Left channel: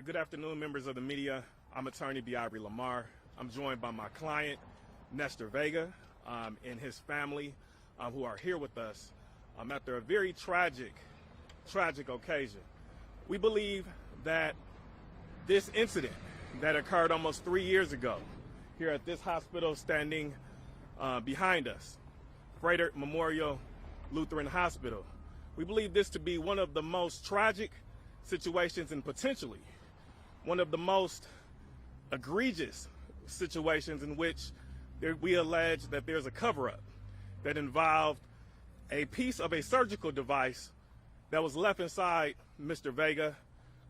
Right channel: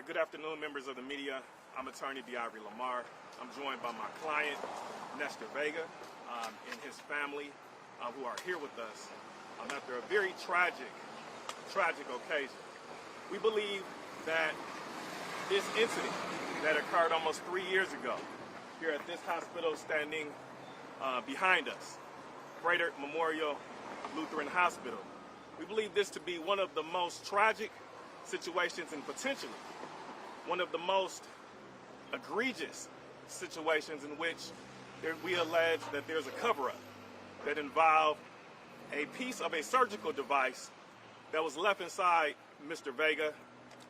Hi, good afternoon, members of the media. I'm attorney Diabri Lamar. I'm joined by my client, Nestor Vega, and his family, who are here with us after a very tragic occasion. We believe that this incident that occurred almost 3 years ago here at this hospital standing behind us, Froedtert Memorial Lutheran Hospital, we believe this to be one of the most tragic situations and potentially one of the most egregious situations in which we allege that there's a cover-up that involved a piece of a surgical device that was left inside Mr. Vega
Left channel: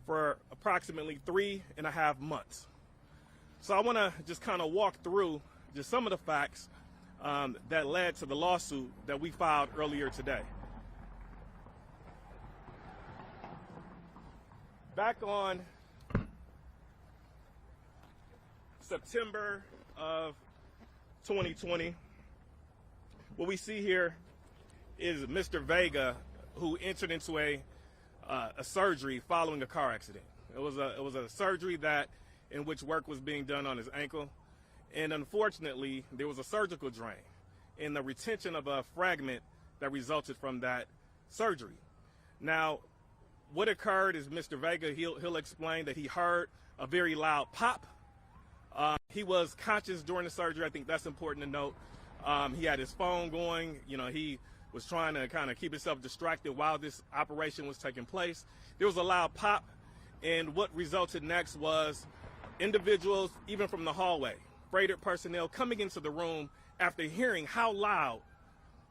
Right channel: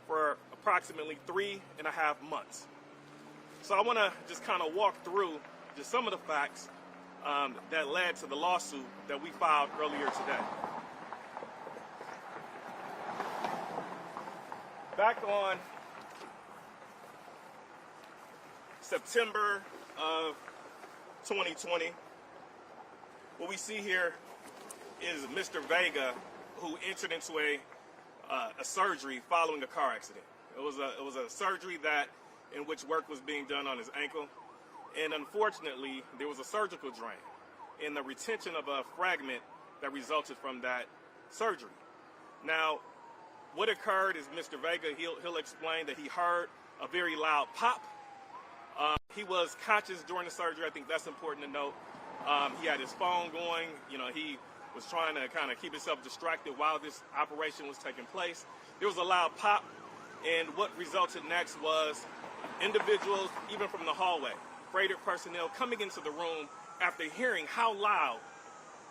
for approximately 3.5 months. So I want to just kind of walk through just some of the facts that led to the lawsuit that we filed earlier today. Back on September of 2020, what we see here is Mr. Vega, who entered into a surgery following a car accident. It was a surgery in which work was being done on his ankle, and unfortunately there was a surgical drain and the retention of a fragment that resulted from that surgery. Now, what occurred is Mr. Vega, he'll explain that he heard a very loud pop. He was conscious during the surgery. I think that's important to note. He had his phone going. He was trying to kind of keep himself distracted while this operation was taking place. There was a loud pop, and what resulted next was individuals, even from the hallway, Froedtert personnel coming into the room after hearing how loud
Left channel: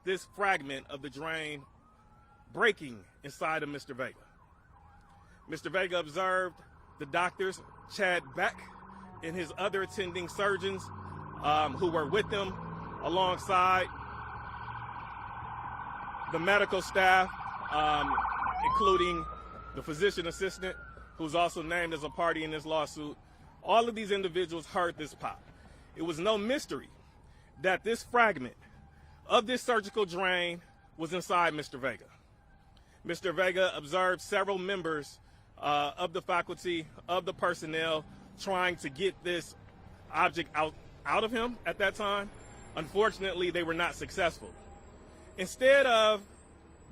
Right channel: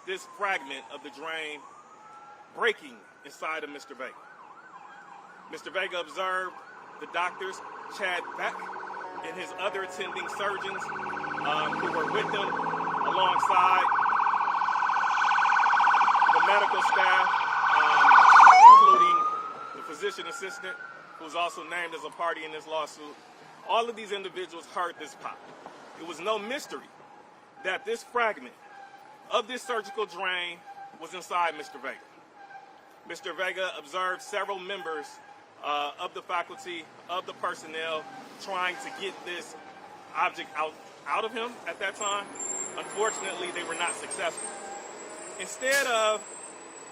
this fragment of the drain breaking inside of Mr. Vega. Mr. Vega observed the doctors, Chad Beck, and his other attending surgeons who were with him, alongside the medical staff, including the physician assistant, who's also named as a party in this lawsuit. All of these individuals heard this pop. It was no mystery that this fragment of this surgical drain was inside Mr. Vega. Mr. Vega observed several members of the faculty, of the personnel, trying to get this object out of him at that time. Unfortunately, they were not successful. Instead of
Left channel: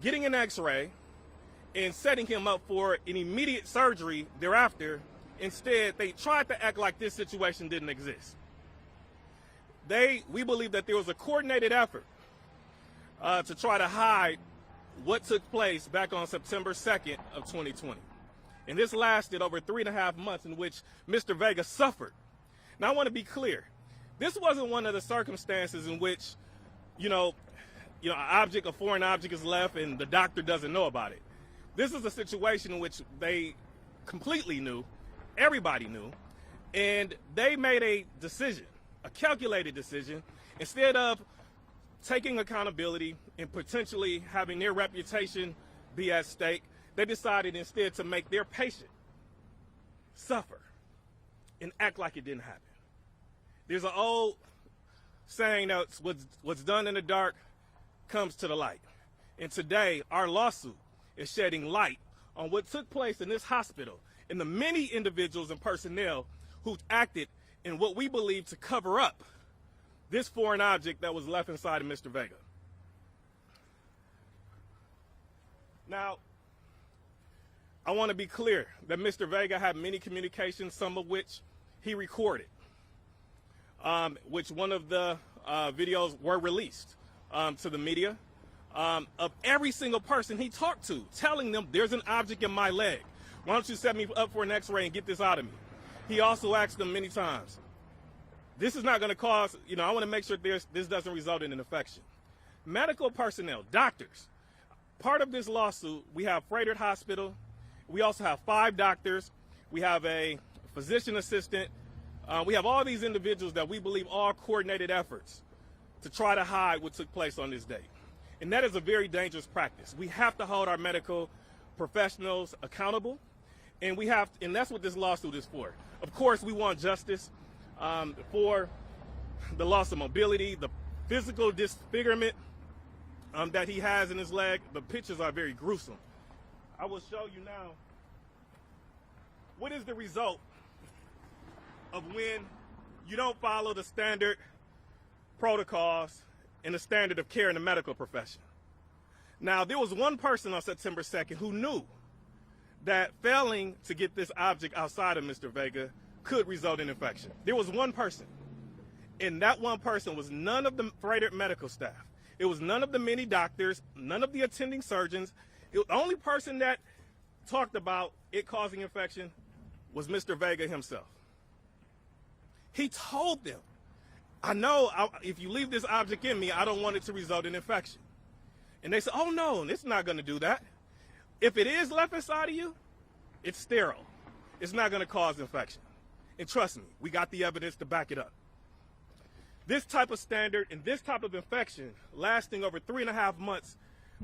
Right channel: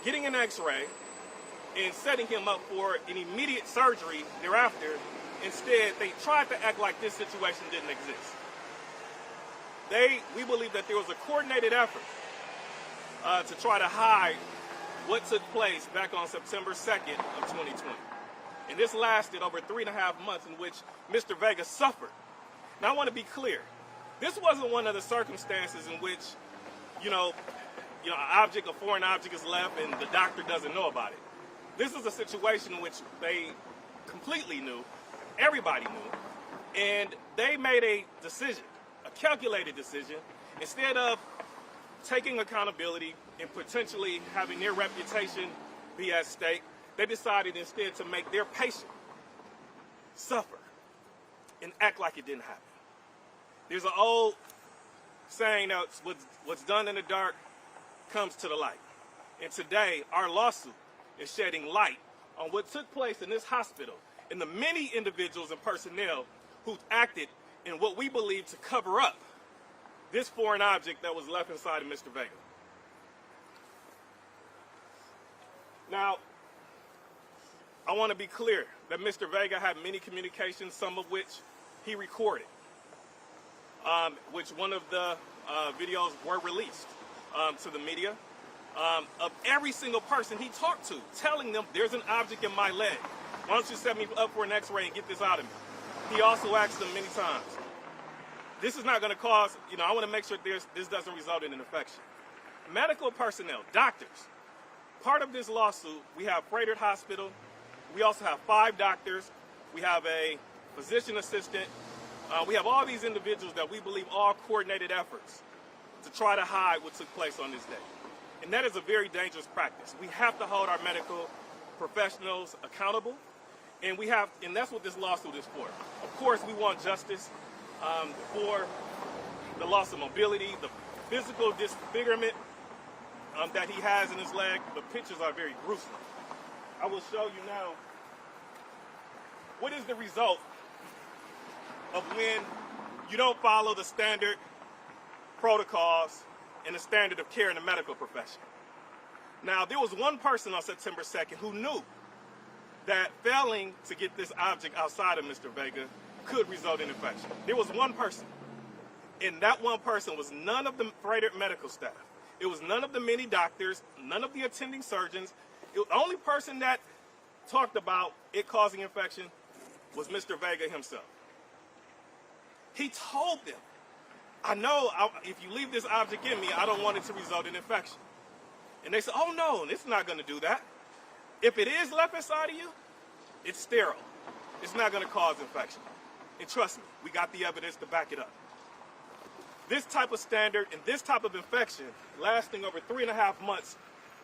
getting an x-ray and setting him up for an immediate surgery thereafter, instead they tried to act like this situation didn't exist. We believe that there was a coordinated effort to try to hide what took place back on September 2nd of 2020. And this lasted over 3.5 months in which Mr. Vega suffered. Now, I want to be clear. This wasn't one of the circumstances in which, a foreign object is left and the doctor doesn't know about it. This is a situation in which they completely knew, everybody knew, and they made a decision, a calculated decision. Instead of taking accountability and potentially having their reputation be at stake, they decided instead to make their patient suffer and act like it didn't happen. There's an old saying that what's done in the dark comes to the light. And today, our lawsuit is shedding light on what took place in this hospital and the many individuals and personnel who acted in what we believe to cover up this foreign object that was left inside of Mr. Vega. Now, I want to be clear that Mr. Vega had many communications, some of which he recorded, which one of the videos were released to the media, of every single person he talked to, telling them there's an object in my leg. Why don't you set me up for an x-ray and get this out of me? He also asked them many times, this is not going to cause, I want to make sure this doesn't result in an infection. Medical personnel, doctors, part of this lawsuit, we have Froedtert Hospital. We also have 5 doctors. We have a physician assistant. We have all these individuals that we believe all coordinated efforts to try to hide what took place on this day. And that is a very dangerous practice. We have to hold our medical professionals accountable, and that's what this lawsuit is for. Of course, we want justice for the loss of mobility, the physical disfigurement that he has in his leg. The pictures are very gruesome. I will show you now what is the result of when you don't follow the standard protocols and the standard of care in the medical profession. Now, there was one person on September 2nd who knew that failing to get this object outside of Mr. Vega could result in infection. There was one person. And that one person was none of the Froedtert medical staff. It was none of the many doctors, none of the attending surgeons. The only person that talked about it causing infection was Mr. Vega himself. He told them, I know if you leave this object in me, I don't want it to result in infection. And they said, oh no, it's not going to do that. If it is left inside of you, it's sterile. It's not going to cause infection. And trust me, we got the evidence to back it up. This type of standard and this type of infection lasting over 3.5 months,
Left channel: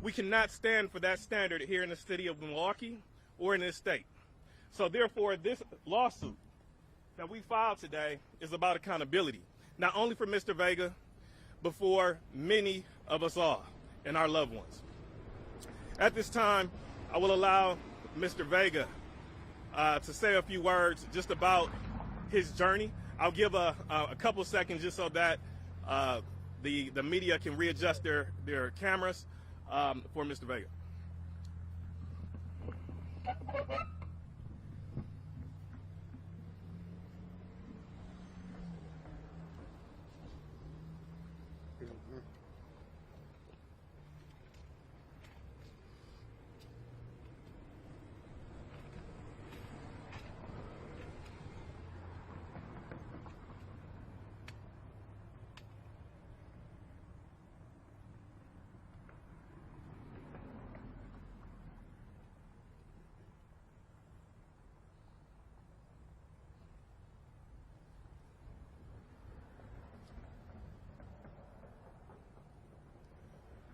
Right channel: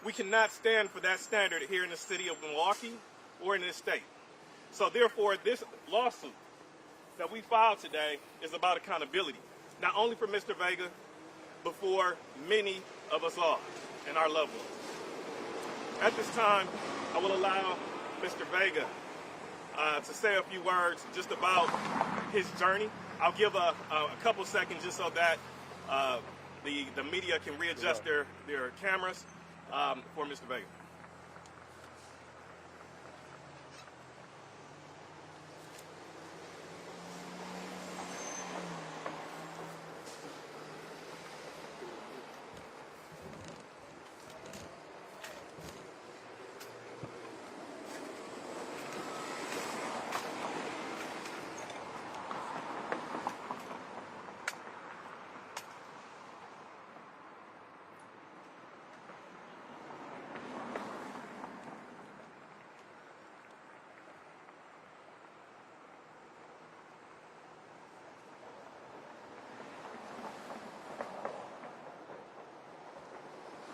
we cannot stand for that standard here in the city of Milwaukee or in this state. So therefore, this lawsuit that we filed today is about accountability, not only for Mr. Vega, but for many of us all and our loved ones. At this time, I will allow Mr. Vega to say a few words just about his journey. I'll give a couple seconds just so that the media can readjust their cameras for Mr. Vega.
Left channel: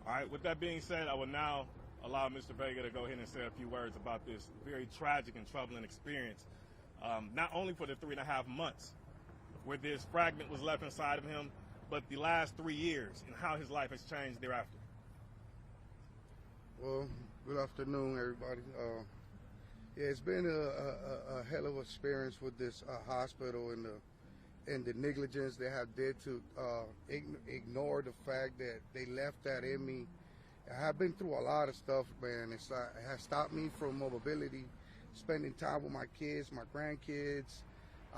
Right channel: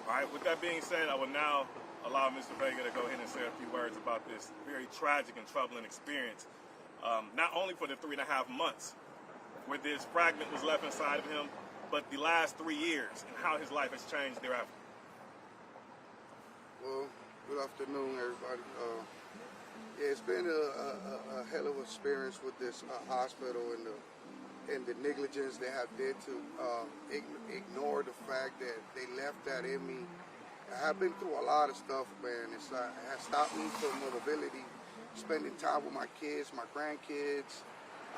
All right, with that being said, I will now allow Mr. Vega to go ahead and say a few words about this very tragic and troubling experience, not only for the 3.5 months where this fragment was left inside of him, but the last 3 years and how his life has changed thereafter. Well, good afternoon, everybody. Yeah, it's been a hell of an experience with this hospital and the negligence they have did to ignore the fact that they left that in me. I have been through a lot of stuff, man, and it has stopped me from mobility, spending time with my kids, my grandkids.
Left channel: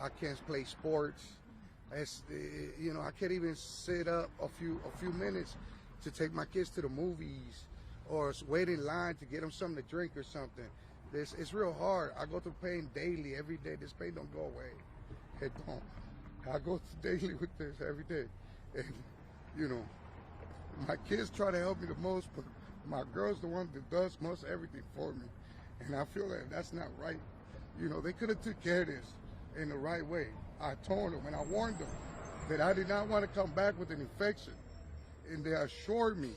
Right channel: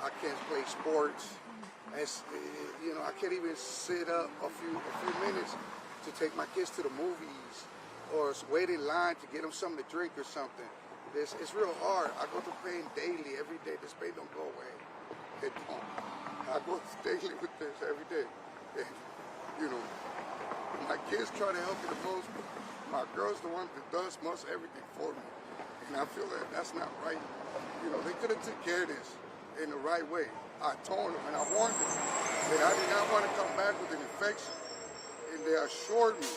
I can't play sports. You know, I can't even sit up a few minutes to take my kids to the movies or wait in line to get them something to drink or something. It's real hard. I go through pain daily, every day. This pain don't go away. It don't. I go daily with this every day. And, you know, my kids try to help me the most, but my girl's the one that does most everything for me. And I feel that that's not right. You know, they could have took care of this in the right way. I told them and I warned them that I did not want to come back with an infection. And they assured me,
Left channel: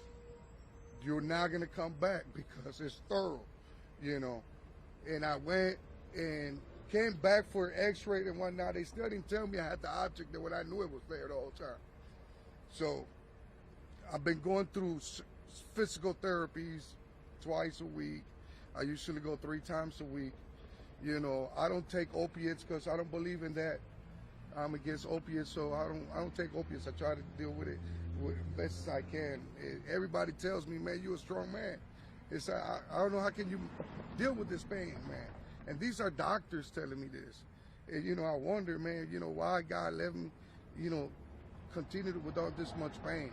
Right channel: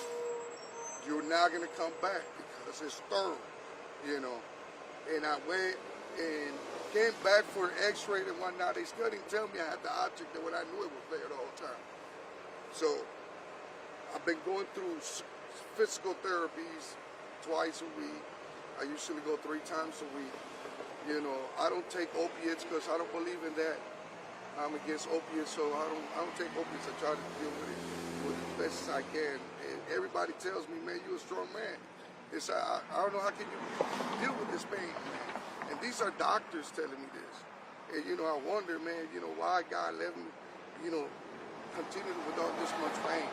you're not going to come back because it's thorough, you know. And I went and came back for an x-ray and whatnot. They still didn't tell me I had the object there when I knew it was there the whole time. So I've been going through physical therapies twice a week. I usually go 3 times a week. You know, I don't take opiates because I don't believe in that. I'm against opiates, so I don't take opiates. I try to deal with it as best as I can. And everybody tells me, man, you're a strong man. It's I don't know how can you deal with this pain, man. And these are doctors telling me this. And, you know, I wonder, man, you know, why God let me, you know, continue with all this much pain.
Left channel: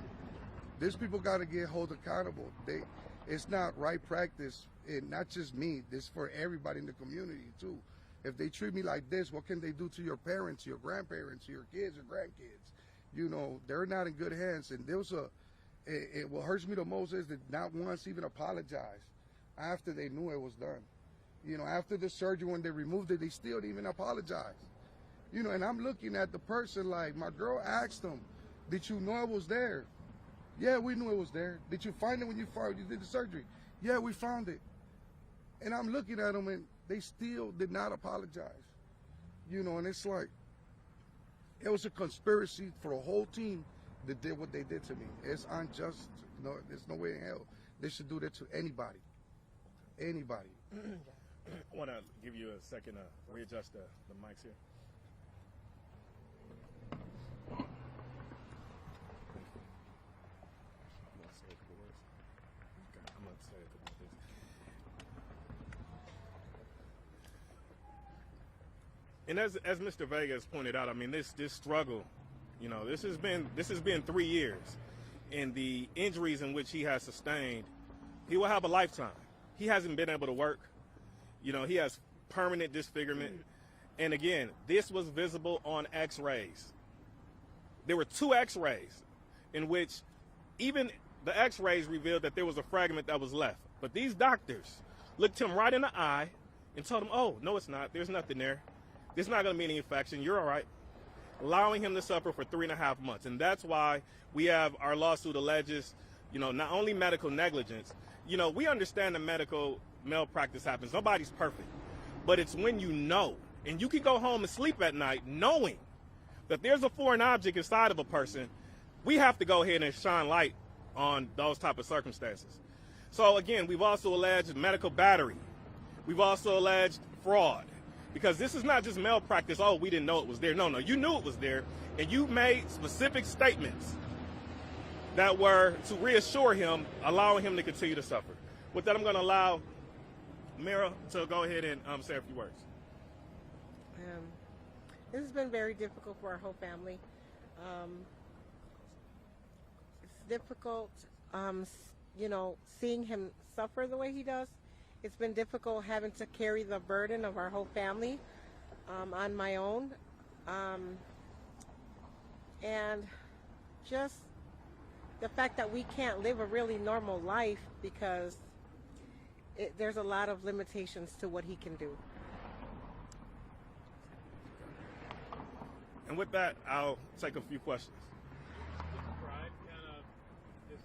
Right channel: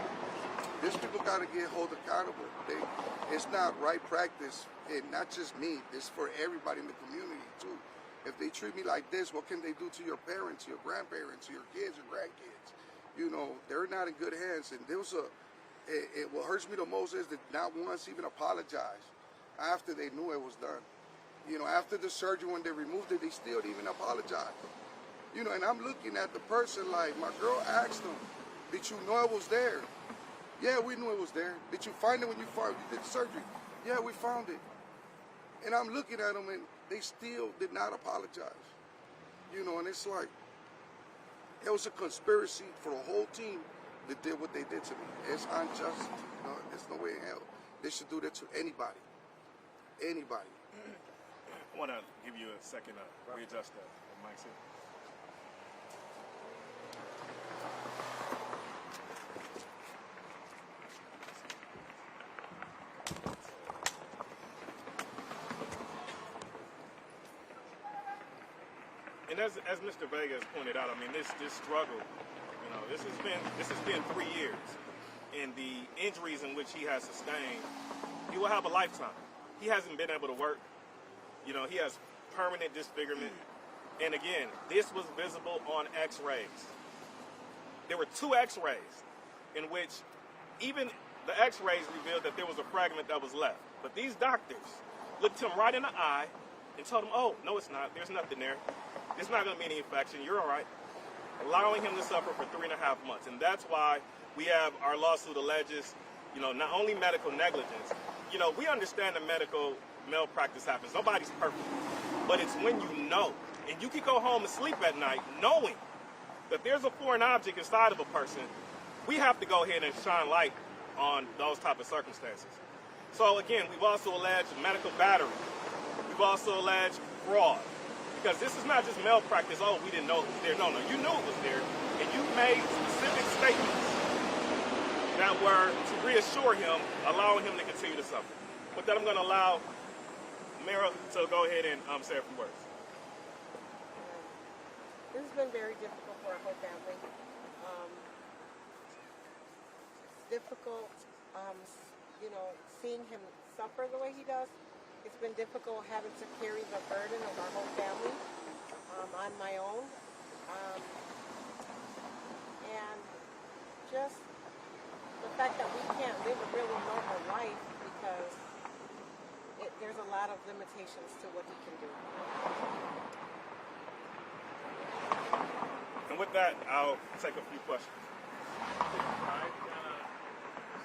These people got to get held accountable. It's not right practice, and not just me. It's for everybody in the community, too. If they treat me like this, what can they do to your parents, your grandparents, your kids, your grandkids? You know, they're not in good hands. And what hurts me the most is that not once even apologize after they knew it was done. You know, after the surgery, when they removed it, they still didn't even apologize. You know, and I'm looking at the person like, my girl asked them, did you know it was there? Yeah, we knew it was there. Did you find it when you did the surgery? Yeah, we found it. And I'm looking at them and they still did not apologize. You know, and it's like, it was a conspiracy for a whole team that did what they did to me. It's unjust. You know, there's no way in hell they should do that to anybody. Anybody. I want to give you a second to readjust the mics here. And as Mr. Vega has pointed out, I mean, this struggle, you know, this has been 3 years, and the injuries in which he has sustained, he will have a lifetime. He hasn't been able to work. You know, he has permanent disfigurement. And again, this was visible on X-rays. There were 2 X-rays in which even the X-rays revealed that there was a fragment that was left. But these doctors looked him right in the eye and told him, oh, no, it's not. There's nothing there. There's not going to be any infection. You're all right. Allowing him to suffer for 3.5 months. And that's why we have our lawsuit alleges, you know, not only medical negligence. You know, we understand that medical malpractice happens. Nobody's perfect. But it's when you know. And you can go home and sleep at night knowing that there's a foreign object inside of a person. We have to go ahead and shine light on those type of circumstances. So again, we've also alleged medical battery. We've also alleged fraud. Because this is not just malpractice, oh, we didn't know it was there. No, you knew it was there. And you made specific statements that were to reassure him, allowing him to continue to suffer. With that, I'm going to allow Mira to go ahead and say a few words. This has been very difficult for our whole family. It's difficult, you know, seeing him suffer the way he does. It's been difficult having to carry the burden of our whole family on my own. And just the fact that we can't live a really normal life because there's a lot of limitations to what he can do. And with that, I'll take a few questions. Describe kind of this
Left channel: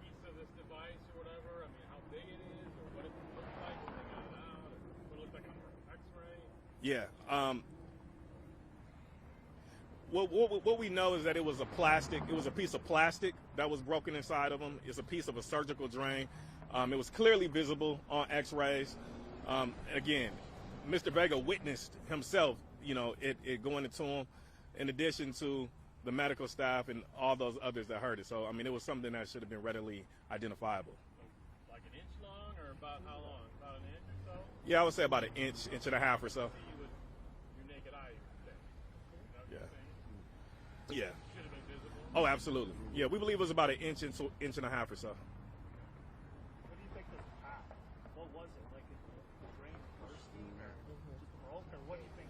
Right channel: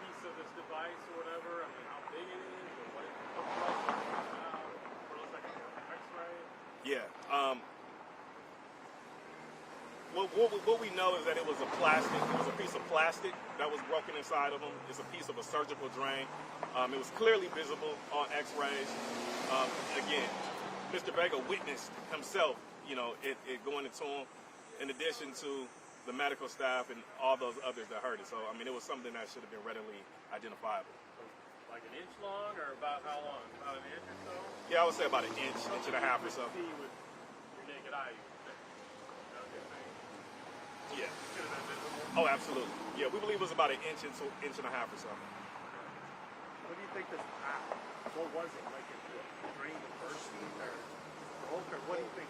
piece of this device or whatever. I mean, how big it is, or what it looks like, what it comes out, what it looks like an X-ray. Yeah. What we know is that it was a plastic. It was a piece of plastic that was broken inside of him. It's a piece of a surgical drain. It was clearly visible on X-rays. Again, Mr. Vega witnessed himself, you know, it going into him. In addition to the medical staff and all those others that heard it. So, I mean, it was something that should have been readily identifiable. Like an inch long, or about how long? About an inch or so? Yeah, I would say about an inch and a half or so. See with your naked eye. Yeah. Could have been visible. Oh, absolutely. Yeah, we believe it was about an inch and a half or so. What do you think this? What was it like? If the drain burst or what do you think?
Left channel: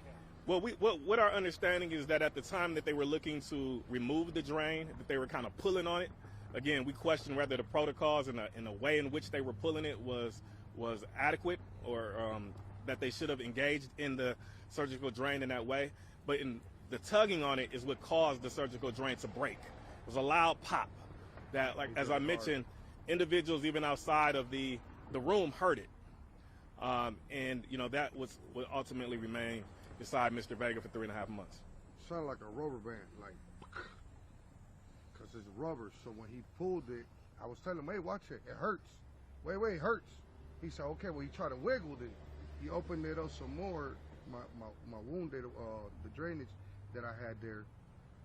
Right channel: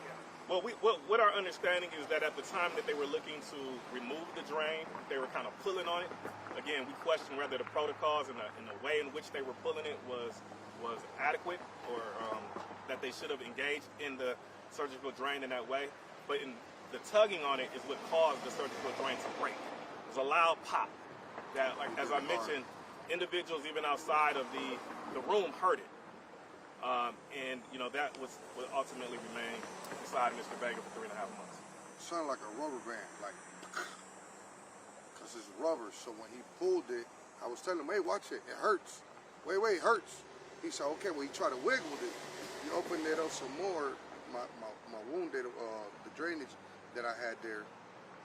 Well, what our understanding is that at the time that they were looking to remove the drain, they were kind of pulling on it. Again, we question whether the protocols and the way in which they were pulling it was adequate, or that they should have engaged in the surgical drain in that way. But in the tugging on it is what caused the surgical drain to break. It was a loud pop that, like as I mentioned, individuals even outside of the room heard it. And you know, that was what ultimately remained beside Mr. Vega for 3.5 months. It sounded like a rubber band, like, because it's rubber. So when he pulled it, I was telling him, hey, watch it, it hurts. Wait, it hurts. He said, okay, well, he tried to wiggle it. He opened it up some more, my wound, the drainage that I had there,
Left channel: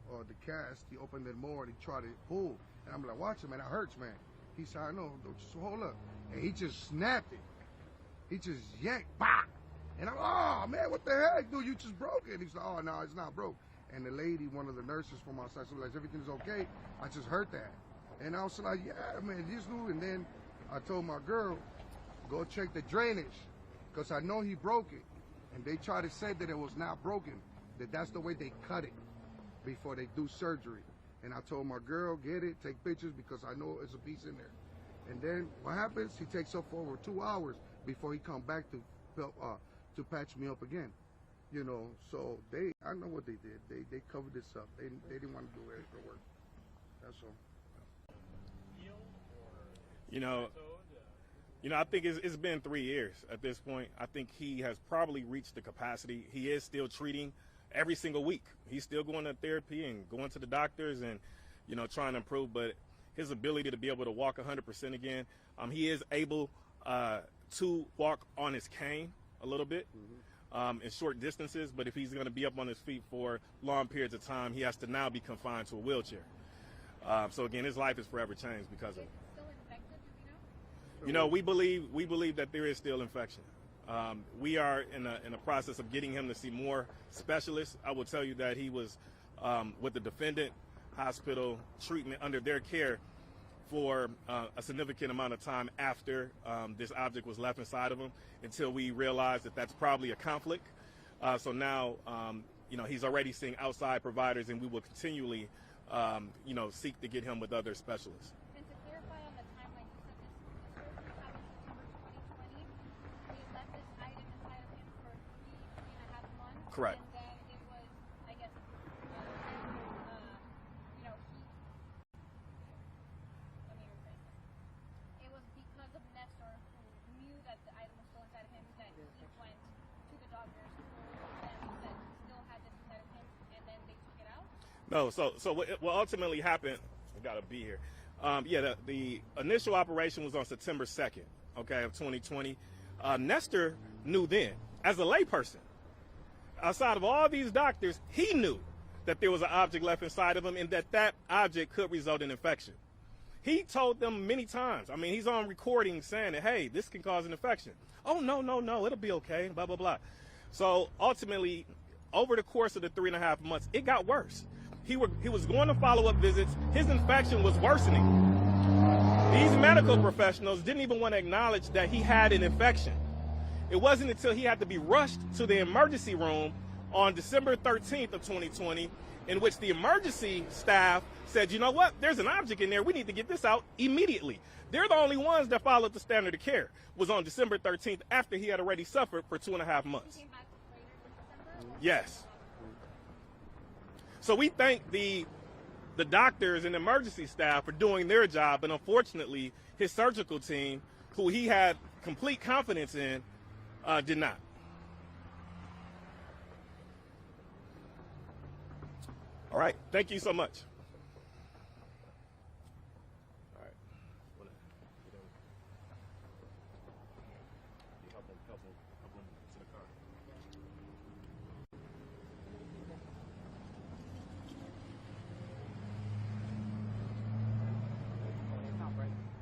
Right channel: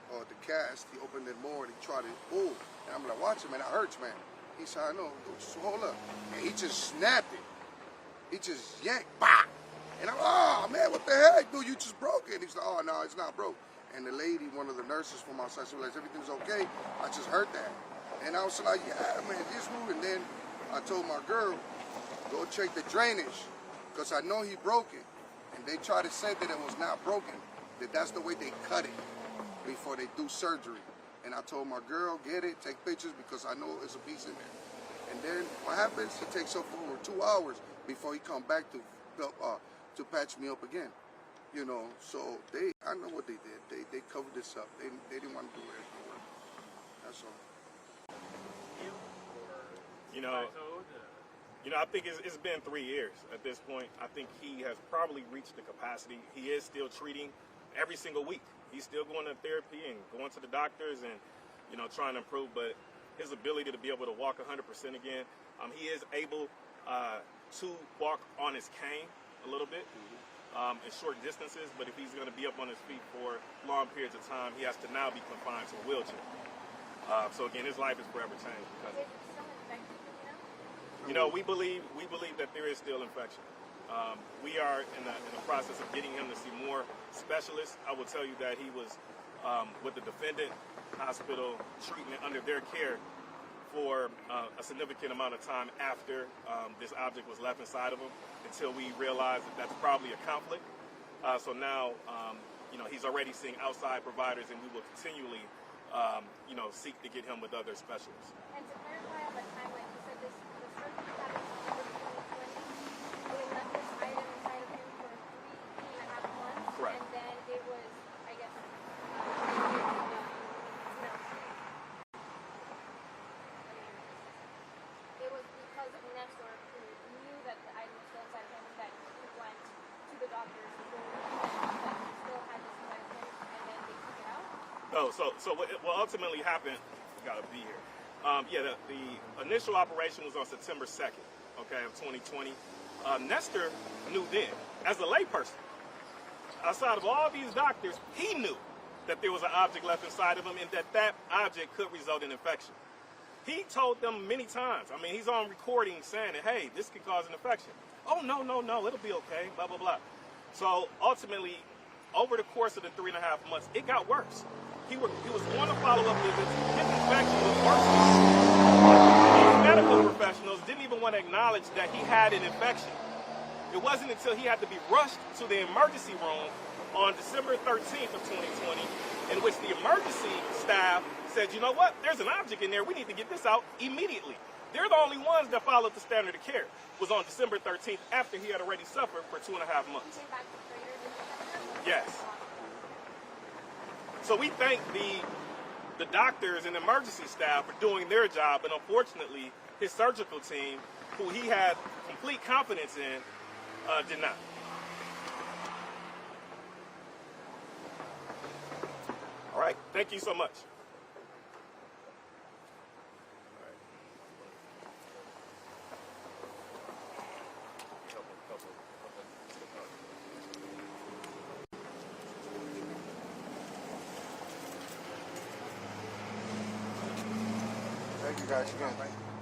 the cast, he opened it more and he tried to pull. And I'm like, watch it, man, that hurts, man. He said, I know, just hold up. And he just snapped it. He just yanked, bah! And I'm, oh man, what the heck, dude? You just broke it. And he's like, oh no, it's not broke. And the lady, one of the nurses from outside, she was like, everything's okay. I just heard that. And I was like, yeah, man, this move. And then I told my girl, go check the drainage, because I know he broke it. And they tried to say that it was not broken, that that's the way they cut it before they do surgery. And I told my girl, get it, take pictures, because I know there's a piece in there. And then what happens? He takes up for over 2 hours before he come back to patch me up again, you know. So I know what they did. They covered this up. They didn't want to do anything. That's all. You know, I think it's been 3 years at this point. I think he has probably reached the capacity. He is still treating every single week. He's still going to therapy and going to the doctors and, you know, trying to improve. But his ability to be able to walk 100% again, he is able to walk on his cane a little bit in short distances, but if he's going to be up on his feet for long periods of time, he has to now be confined to a wheelchair. So again, his life is forever changed because of it. You know, we believe that there is still infection. We are in the process of getting him to see more specialists. I will tell you that he was with the defendant hospital treatment under their care for a significant amount of time after this object was left inside of him, until we realized that that's probably a conflict. So now, you know, he's already seeing outside providers, and we will continually, you know, seek to get him with other specialists. And to clarify on the timeline, you said the surgery happened in 2020. They left this item inside of him for 3.5 months. Correct. And then it was, I guess, it was because of Nestor, who knew that the item was still inside of him, that he went to the doctors that he still had this inside of him, and then they took it out. No, so what ultimately happened, we gotta be here. Yeah, the initial operation was on September 2nd, okay, of 2020. Nestor knew then, as a layperson, outside of all these doctors, he knew that there was an object left inside of him and that object could result in infection. He told them many times, I mean, he's on recording saying that, hey, this can cause an infection. Oh, no, it'll be okay, blah, blah, blah. So ultimately, over the course of the 3.5 months, it got worse. He was going to follow-up visits. His infection was worsening. These medical professionals didn't even want to acknowledge that he had an infection. It wasn't until he had to be rushed to the emergency room on December 13th of 2020, in which the emergency staff said, you know what, there's an object in there, we need to get this out immediately. They're the only ones that followed the standard of care. It was on December 13th, after he had already suffered for 2.5 months. He came back to Froedtert. Yes. So we thank the doctors and emergency staff for doing their job, and unfortunately, his surgical team, who he had complete confidence in, did not. All right, thank you so much. Thank you guys again.